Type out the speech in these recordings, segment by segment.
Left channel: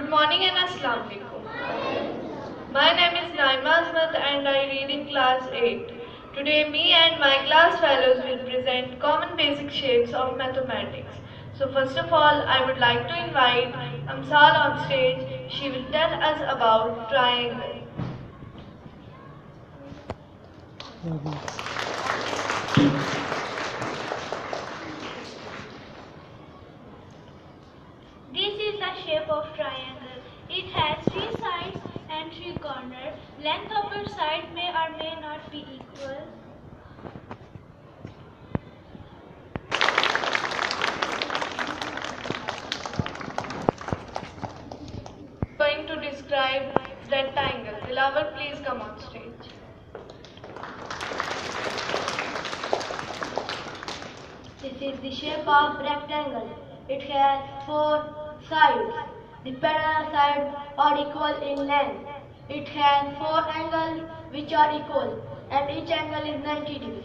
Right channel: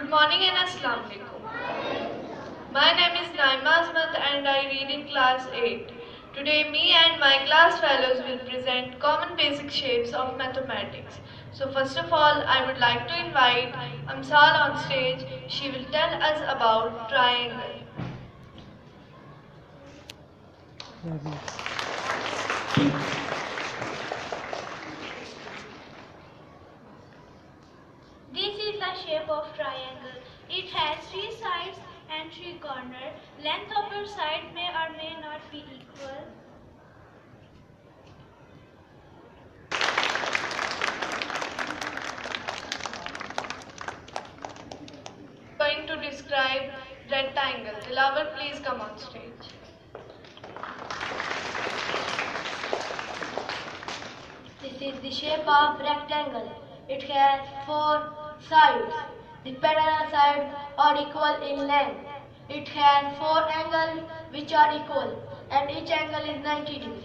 Good morning and Assalamu alaikum. My name is Naima Asmat and I read in class 8. Today me and my class fellows will present common basic shapes of mathematics. So first of all, I would like to invite Amsal on stage. She will tell us about triangle. This is the shape of triangle. It has 3 sides and 3 corners. Length of your side may or may not be equal. Going to describe rectangle. Dilawar, please come on stage. This is the shape of rectangle. It has 4 sides. The parallel sides are equal in length. It has 4 angles which are equal and each angle is 90 degrees.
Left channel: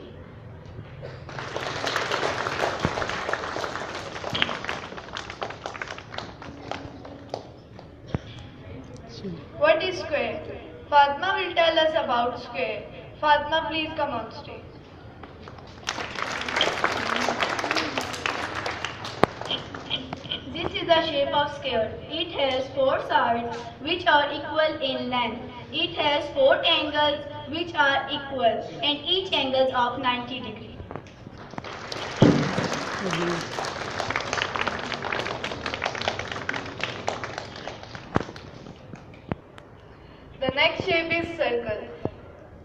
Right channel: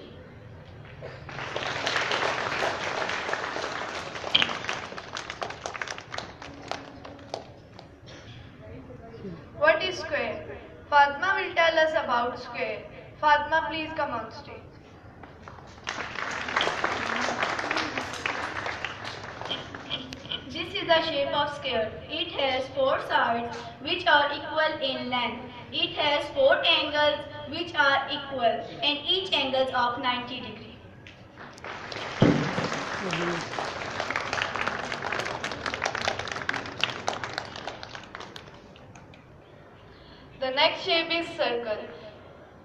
What is square? Fatma will tell us about square. Fatma, please come on stage. This is the shape of square. It has 4 sides which are equal in length. It has 4 angles which are equal and each angle of 90 degrees. The next shape is circle.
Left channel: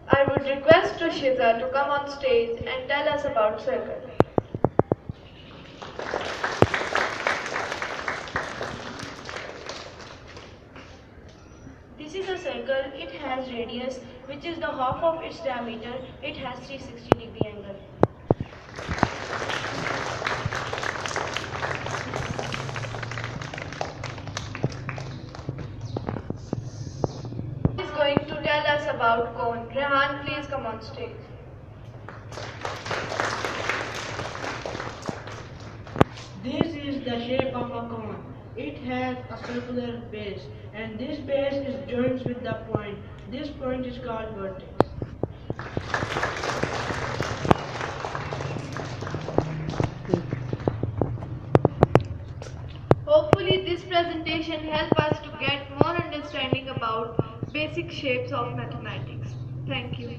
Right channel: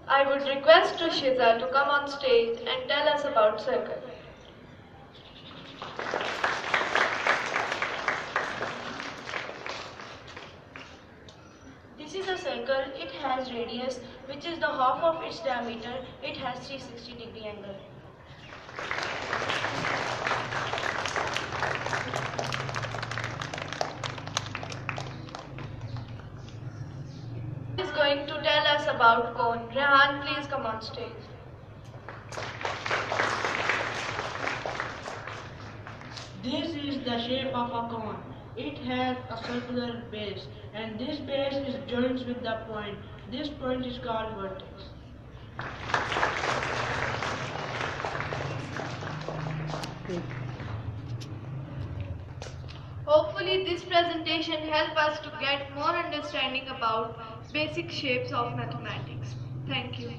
I would request Shiza to come on stage and tell us about circle. This is a circle. It has radius which is the half of its diameter. It has 360-degree angle. Is going to tell us about cone. Rehan, please come on stage. This is the shape of a cone. It has a circular base and this base is joined with the point. This point is called vertex. Hopefully this presentation helped us to get more understanding about basic shapes of mathematics. Thank you.